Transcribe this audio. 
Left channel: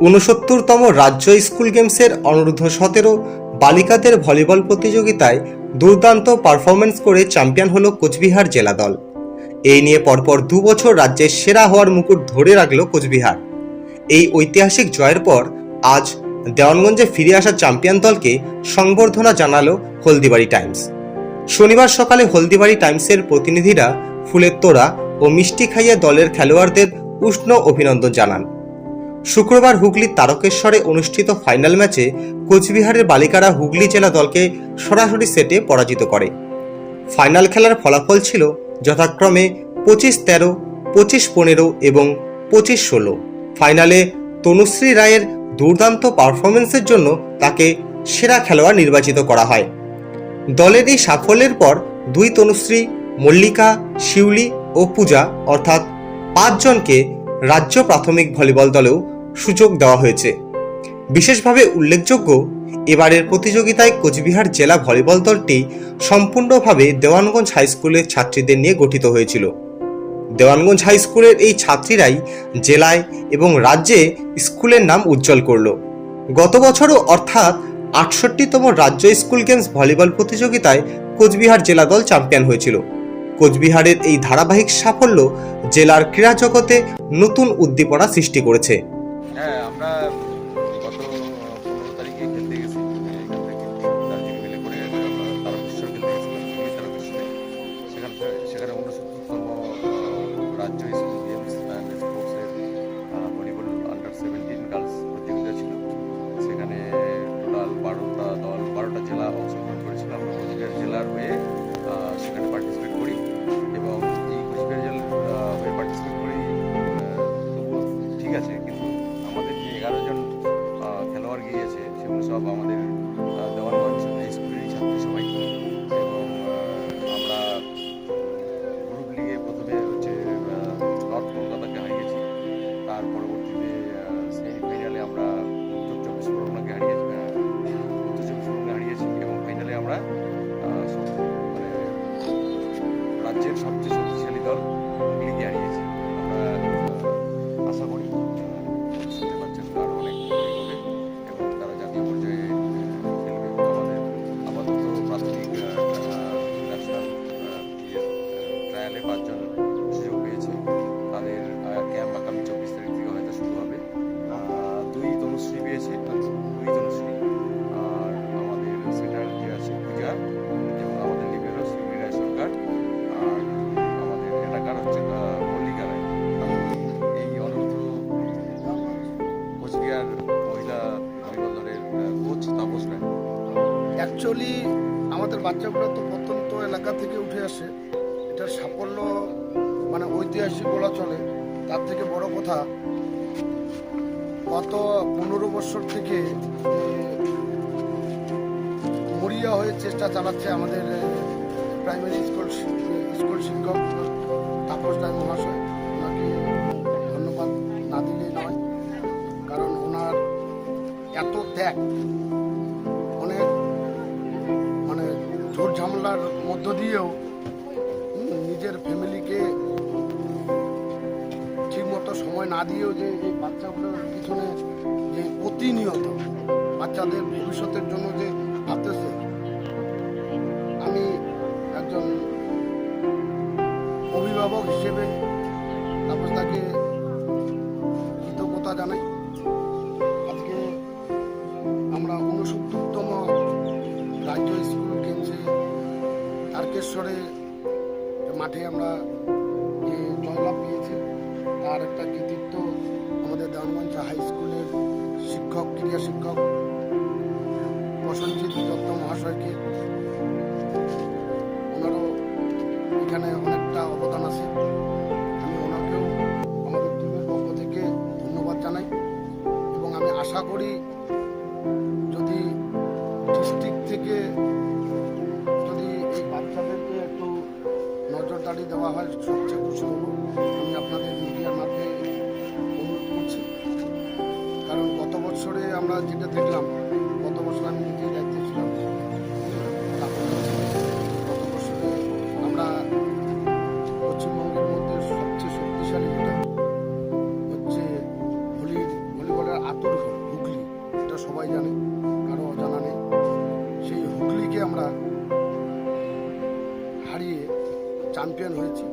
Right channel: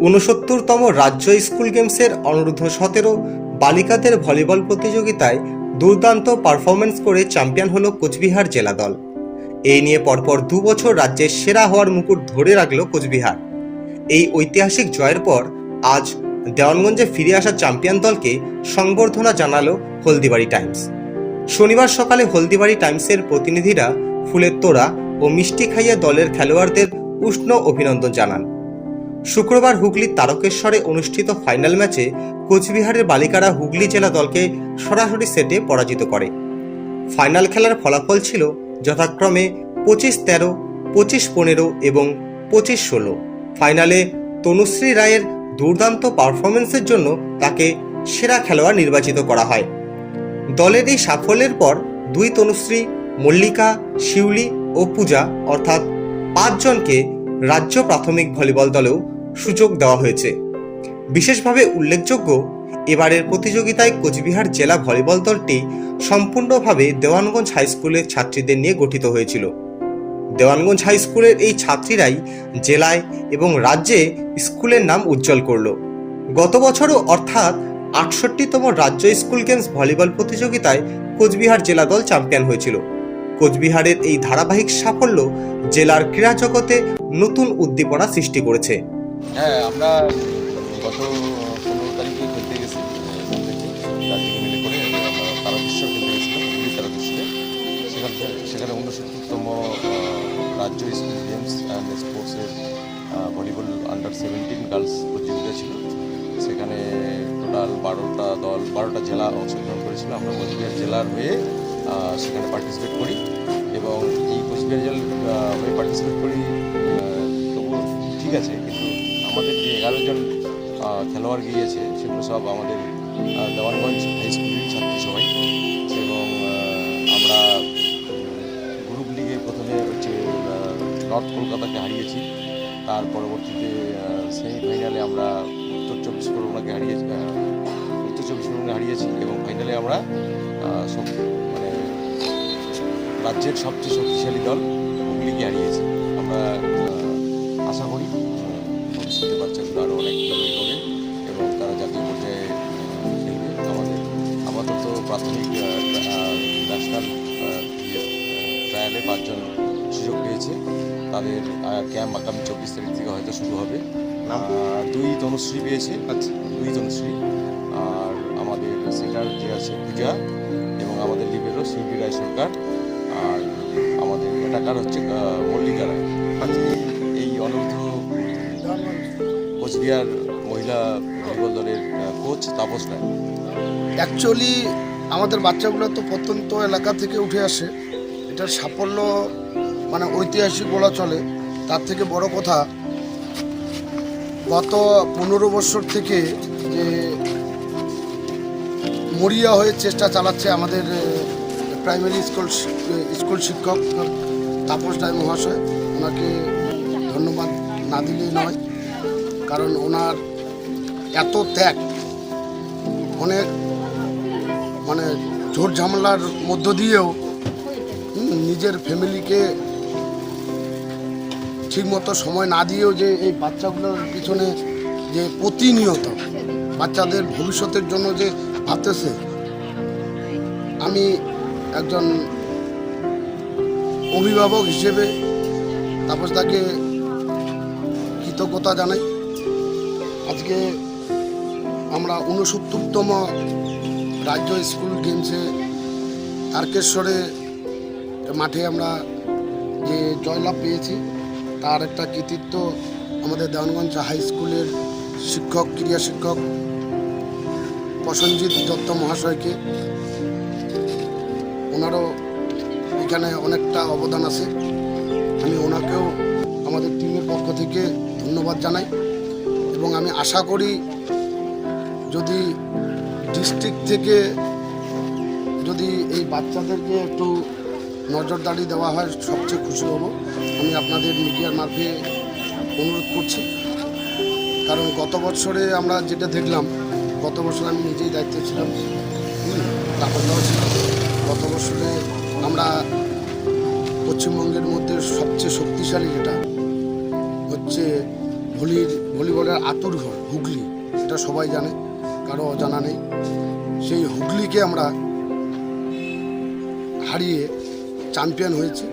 ঊনসত্তরতম রাজ্য স্কুল গেমসের অনূর্ধ্ব সতেরো বালিকাদের ভলিবল প্রতিযোগিতায় দুর্দান্ত পারফরমেন্স করে চ্যাম্পিয়ন হল কোচবিহার জেলা দল এই নিয়ে পরপর দু বছর রাজ্যের সেরা হওয়ার মুকুট ধরে রাখল কোচবিহার। এই ঐতিহাসিক জয়ের পর আজ দেওয়ানগঞ্জে ফিরে আসা চ্যাম্পিয়ন দলকে সংবর্ধনা জানালো হলদিবাড়ি টাইমস। শনিবার সকালে হলদিবাড়ি টাইমসের প্রতিনিধিরা ফুলের তোড়া ও মিষ্টি খাইয়ে দলের খেলোয়াড়দের উষ্ণ অভিনন্দন জানান। শুক্রবার হুগলির তারকেশ্বরে অনুষ্ঠিত ফাইনাল ম্যাচে কোচবিহারের বালিকারা হুগলি জেলা দলকে সরাসরি সেটে পরাজিত করে। ফাইনাল খেলার ফলাফল ছিল যথাক্রমে পঁচিশ তেরো, পঁচিশ পনেরো এবং পঁচিশ ষোলো। ফাইনালে তনুশ্রী রায়ের দুর্দান্ত পারফরমেন্সের জন্য তাকে সেরা খেলোয়াড় নির্বাচিত করা হয়। দলের এই সাফল্যের পর দুই তনুশ্রী, মল্লিকা, শিউলি ও পূজা অর্থাৎ পাঁচজনকে রাজ্য প্রাথমিক ভলিবল দলেও সুযোগ দেওয়া হয়েছে। বিশেষভাবে উল্লেখযোগ্য, এবারের প্রতিযোগিতায় কোচবিহার জেলা ভলিবল দলটি সম্পূর্ণভাবে দেওয়ানগঞ্জ হাই স্কুলের ছাত্রীদের নিয়ে গঠিত হয়েছিল। দেওয়ানগঞ্জ হাই স্কুলের এই ছাত্রীরাই জেলায় এবং রাজ্যে স্কুলের নাম উজ্জ্বল করল। গত বছরও অর্থাৎ আটষট্টিতম রাজ্য স্কুল গেমস ভলিবল প্রতিযোগিতায় কোচবিহার জেলা দল চ্যাম্পিয়ন হয়েছিল। কোচবিহারের এই ধারাবাহিক সাফল্য জেলার ক্রীড়া জগতে নতুন উদ্দীপনা সৃষ্টি করেছে। হ্যাঁ আমরা গত পনেরো তারিখে খেলতে গেছি এখান থেকে দার্জিলিং মিলে করে আমরা তারকেশ্বর খেলতে গেছিলাম হুগলি তারকেশ্বরে। সেখানে সেখানে ঊনসত্তরতম রাজ্য স্কুল গেমস অ্যান্ড স্পোর্টসের ভলিবল আন্ডার সেভেন্টিন গার্লস প্রতিযোগিতা ছিল। সেখানে টোটাল বারোটা দল, বারোটা জেলা অংশগ্রহণ করেছিল। আমরা কোচবিহার জেলার হয়ে সেখানে পার্টিসিপেট করি এবং ঠিক আছে, কিন্তু আমাদের যে এগারো জন খেলোয়াড় গিয়েছে, সেগুলো সব আমাদের দেওয়ানগঞ্জ হাই স্কুলেরই ছাত্রী সবাই। এবং আমরা গ্রুপ লিগে প্রথমে হচ্ছে নর্থ কলকাতাকে হারিয়েছি। তার পরবর্তীতে সেমিফাইনালে আমরা উত্তর চব্বিশ পরগনাকে হারিয়েছি উত্তর চব্বিশ পরগনাকে হারিয়েছি এবং ফাইনালে আমরা সব মানে রাজ্যের সবচেয়ে শক্তিশালী দল হুগলিকে হারিয়েছি। আমরা আশা করি ভবিষ্যতে বাচ্চাগুলো আরও অনেক দূর এগোবে এবং তারা জাতীয় পর্যায়ে খেলবে আমাদের আপাতত প্রাথমিক ন্যাশনাল ট্রায়ালে পাঁচজন সুযোগ পেয়েছে। তাদের ক্যাম্প আগামী চব্বিশ তারিখ থেকে হয়তো শুরু হবে। দুই তনুশ্রী পেয়েছে। আচ্ছা। দুই তনুশ্রী। আর আমাদের সেটার যে আছে পূজা এবং আমাদের লিবেরও শিবলি রায় সরকার। আর আমাদের এটাকার হচ্ছে মল্লিকা রায়। কোচবিহার মহিলা ভলিবল দলের কোচ তাপস রায়। অ্যাকচুয়ালি আমাদের বাচ্চাগুলো তো প্রত্যন্ত এলাকা থেকে উঠে আসে। এটার সাফল্য মানে ঐতিহাসিক বলা চলে। তার থেকে বড় কথা, গত পনেরো বছর থেকে যে মরিয়া হয়ে চেষ্টা চালাচ্ছে আমাদের প্রাইমারি স্কুল স্কুল শিক্ষক তাপস রায় মহাশয়। ওনাকে ধন্যবাদ না দিলে নয়। কারণ ওনার এত ত্যাগ অনেক মানে ঝোর ঝামেলার মধ্য দিয়েও নিজের ফ্যামিলিকে ঠিকমতো সময় না দিয়েও যে এই বাচ্চাগুলোর পিছনে যে প্রতিনিয়ত বাচ্চাদের ভবিষ্যতের জন্য যে ভাবতেছে, আমি একজন অভিভাবক হিসেবে তারপর তাকে কৃতজ্ঞতা জানাই। আজকে আমরা ঊনসত্তরতম রাজ্য স্কুল গেমসে তারকেশ্বরে মাঠে আমরা যে জয়লাভ পেয়েছি, তার একটা কৃতিত্ব আমাদের দেওয়ানগঞ্জ হাই স্কুলের শিক্ষক, ক্রীড়া শিক্ষক প্রসঞ্জিৎ দত্ত মহাশয়কে। ওনারও এখানে অনেকটা অবদান আছে। আমি ওনাকেও আমাদের টিমের পক্ষ থেকে ধন্যবাদ জানাই। এবং আমি আশা করি যদি ডিস্ট্রিক্ট থেকে যদি এই বাচ্চাদেরকে একটু নজরদারি দেওয়া হয়, সবচেয়ে খুশি হব। আমি আপনাদের মিডিয়ার মাধ্যমে অনুরোধ করছি। কারণ গত বছরে আমরা যেটা দেখলাম, গত বছর আমি নিজেই দায়িত্বে ছিলাম। তারপর দেওয়া ছিল। গত বছরে আমরা পশ্চিমবঙ্গের মধ্যে সবচেয়ে শক্তিশালী যেটা হচ্ছে ভলির ভলিবলের আতুর ঘর, হুগলি, এটা সবাই জানে, কারও জানা নেই। সেই হুগলিকে আমরা হারিয়ে চ্যাম্পিয়ন হয়েছি।